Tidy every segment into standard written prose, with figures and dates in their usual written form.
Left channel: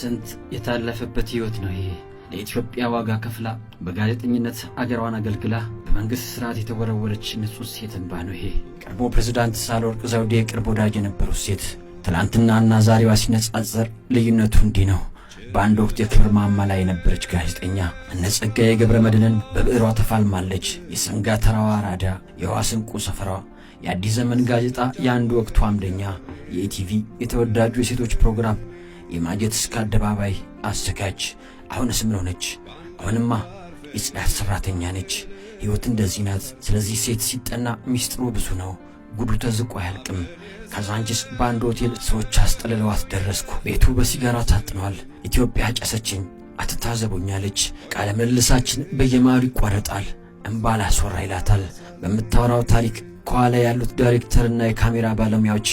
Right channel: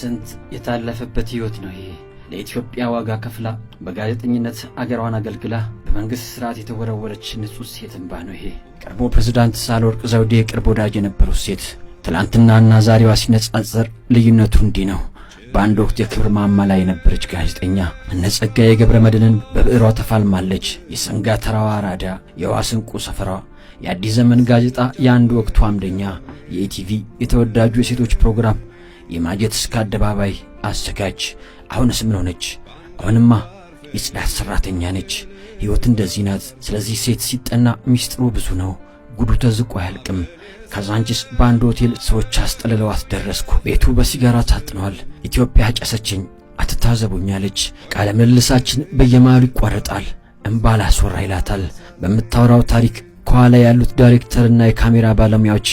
ስንት የታለፈበት ህይወት ነው ይሄ። ለኢትዮጵያ ዋጋ ከፍላ በጋዜጠኝነት አገሯን አገልግላ በመንግስት ስርዓት የተወረወረች ንጹህ ሴት እንባ ነው ይሄ። ቀድሞ ፕሬዝዳንት ሳህለወርቅ ዘውዴ የቅርብ ወዳጅ የነበሩት ሴት ትላንትናና ዛሬዋ ሲነጻጸር ልዩነቱ እንዲህ ነው። በአንድ ወቅት የክብር ማማ ላይ የነበረች ጋዜጠኛ እነ ጸጋዬ ገብረመድህንን በብዕሯ ተፋልማለች። የሰንጋ ተራዋ አራዳ፣ የዋስንቁ ሰፈሯ፣ የአዲስ ዘመን ጋዜጣ የአንድ ወቅቱ አምደኛ፣ የኢቲቪ የተወዳጁ የሴቶች ፕሮግራም የማጀት እስከ አደባባይ አዘጋጅ። አሁንስ ምን ሆነች? አሁንማ የጽዳት ሰራተኛ ነች። ሕይወት እንደዚህ ናት። ስለዚህ ሴት ሲጠና ሚስጥሩ ብዙ ነው። ጉዱ ተዝቆ አያልቅም። ካዛንቺስ በአንድ ሆቴል ሰዎች አስጠልለዋት ደረስኩ። ቤቱ በሲጋራ ታጥኗል። ኢትዮጵያ ጨሰችኝ አትታዘቡኛለች። ቃለ ምልልሳችን በየመሃሉ ይቋረጣል። እምባ ላስወራ ይላታል። በምታወራው ታሪክ ከኋላ ያሉት ዳይሬክተርና የካሜራ ባለሙያዎች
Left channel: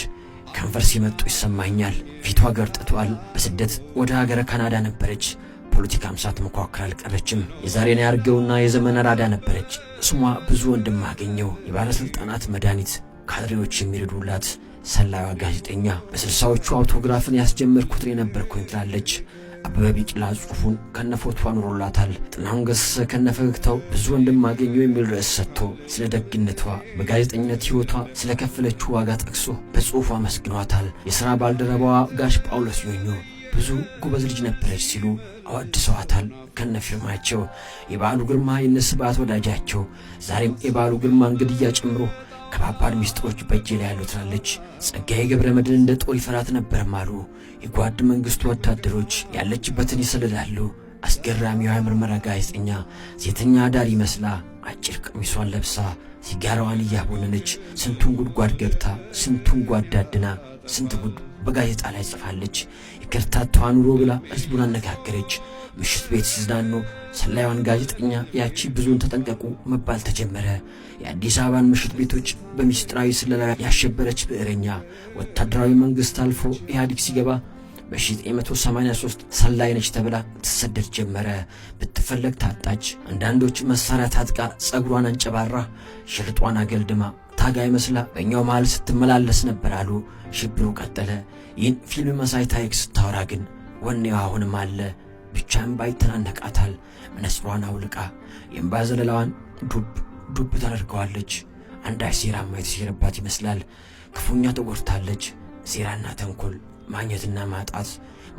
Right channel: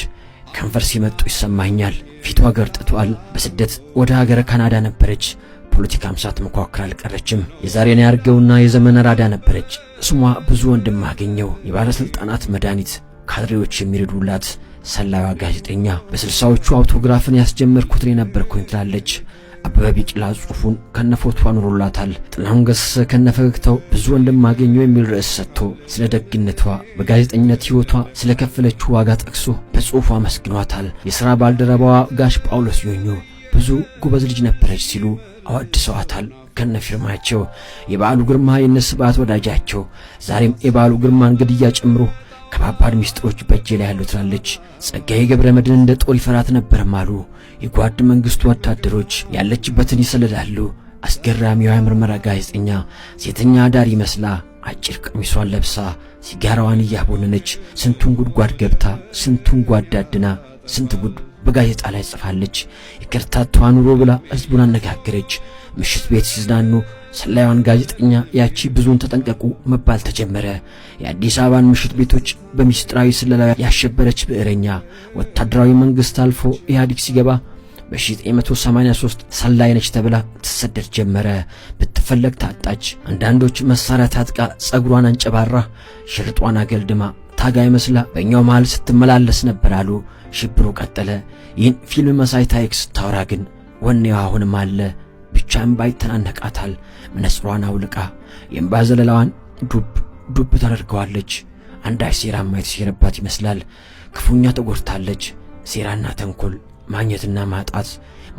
ከንፈር ሲመጡ ይሰማኛል። ፊቷ ገርጥቷል። በስደት ወደ ሀገረ ካናዳ ነበረች። ፖለቲካም ሳትሞካከር አልቀረችም። የዛሬን ያርገውና የዘመን አራዳ ነበረች። ስሟ ብዙ ወንድም አገኘው። የባለስልጣናት መድኃኒት፣ ካድሬዎች የሚረዱላት ሰላዩዋ ጋዜጠኛ። በ60ዎቹ አውቶግራፍን ያስጀመርኩትን የነበርኩኝ ትላለች። አበበ ቢቂላ ጽሑፉን ከነፎቷ ኑሮላታል። ጥላሁን ገሰሰ ከነፈገግታው ብዙ ወንድም አገኘው የሚል ርዕስ ሰጥቶ ስለ ደግነቷ በጋዜጠኝነት ሕይወቷ ስለ ከፈለችው ዋጋ ጠቅሶ በጽሑፉ አመስግኗታል። የሥራ ባልደረባዋ ጋሽ ጳውሎስ ዮኞ ብዙ ጎበዝ ልጅ ነበረች ሲሉ አወድሰዋታል ከነፊርማቸው። የበዓሉ ግርማ የነስብዓት ወዳጃቸው ዛሬም የበዓሉ ግርማን ግድያ ጨምሮ ከባባድ ሚስጥሮች በእጄ ላይ ያሉ ትላለች። ጸጋዬ ገብረመድህን እንደ ጦር ይፈራት ነበርም አሉ። የጓድ መንግስቱ ወታደሮች ያለችበትን ይሰልላሉ። አስገራሚዋ የምርመራ ጋዜጠኛ ሴተኛ አዳሪ መስላ አጭር ቀሚሷን ለብሳ ሲጋራዋን እያቦነነች ስንቱን ጉድጓድ ገብታ ስንቱን ጓዳድና ስንት ጉድ በጋዜጣ ላይ ጽፋለች። የከርታታዋ ኑሮ ብላ ህዝቡን አነጋገረች። ምሽት ቤት ሲዝናኑ ሰላዩዋን ጋዜጠኛ ያቺ ብዙን ተጠንቀቁ መባል ተጀመረ። የአዲስ አበባን ምሽት ቤቶች በሚስጥራዊ ስለላ ያሸበረች ብዕረኛ ወታደራዊ መንግስት አልፎ ኢህአዴግ ሲገባ በ1983 ሰላይ ነች ተብላ ትሰደድ ጀመረ። ብትፈለግ ታጣች። አንዳንዶች መሳሪያ ታጥቃ ጸጉሯን አንጨባራ ሽርጧን አገልድማ ታጋይ መስላ በእኛው መሃል ስትመላለስ ነበር አሉ። ሽብሩ ቀጠለ። ይህን ፊልም መሳይ ታሪክ ስታወራ ግን ወኔዋ አሁንም አለ። ብቻም ባይተናነቃታል። መነጽሯን አውልቃ የእምባ ዘለላዋን ዱብ ታደርገዋለች። አንዳች ሴራማ የተሴረባት ይመስላል። ክፉኛ ተጎድታለች። ሴራና ተንኮል፣ ማግኘትና ማጣት፣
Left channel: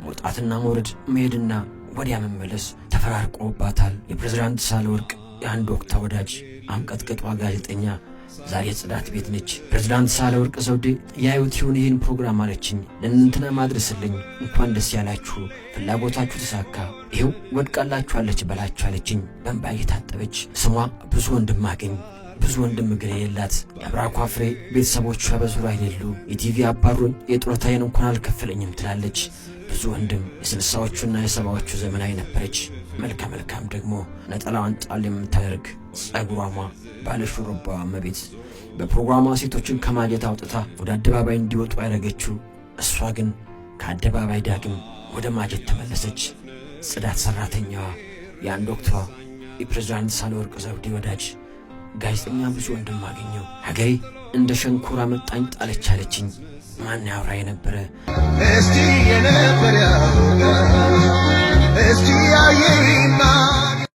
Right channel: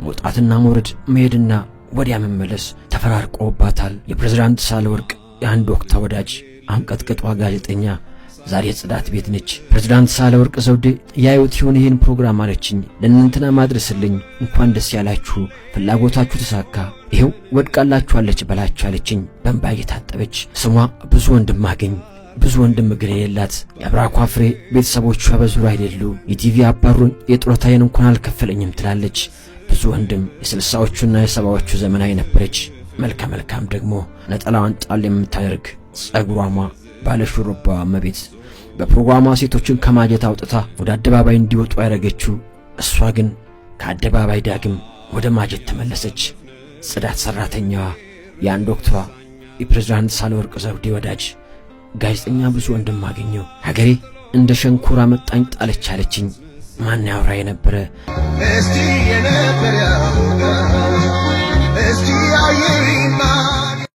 መውጣትና መውረድ፣ መሄድና ወዲያ መመለስ ተፈራርቆባታል። የፕሬዝዳንት ሳህለወርቅ የአንድ ወቅት ወዳጅ አንቀጥቅጧ ጋዜጠኛ ዛሬ ጽዳት ቤት ነች። ፕሬዝዳንት ሳህለወርቅ ዘውዴ ያዩት ይሁን ይህን ፕሮግራም አለችኝ። ለእናንተና ማድረስልኝ እንኳን ደስ ያላችሁ፣ ፍላጎታችሁ ተሳካ፣ ይሄው ወድቃላችኋለች በላችሁ አለችኝ በእንባ እየታጠበች። ስሟ ብዙ ወንድም አገኝ ብዙ ወንድም ግን የሌላት የአብራኳ ፍሬ ቤተሰቦቿ በዙር አይደሉ። የቲቪ አባሮኝ የጡረታዬን እንኳን አልከፈለኝም ትላለች። ብዙ ወንድም የ60ዎቹና የ70ዎቹ ዘመናዊ ነበረች። መልካም ደግሞ ነጠላዋን ጣል የምታደርግ ጸጉሯማ ባለ ሹሩባዋ እመቤት በፕሮግራሟ ሴቶችን ከማጀት አውጥታ ወደ አደባባይ እንዲወጡ ያደረገችው እሷ ግን ከአደባባይ ዳግም ወደ ማጀት ተመለሰች። ጽዳት ሰራተኛዋ የአንድ ወቅቷ የፕሬዝዳንት ሳህለወርቅ ዘውዴ ወዳጅ ጋዜጠኛ ብዙ ወንድም አገኘው። ሀገሬ እንደ ሸንኮራ መጣኝ ጣለች አለችኝ። ማን ያወራ የነበረ እስቲ የነበረ እስቲ ያየና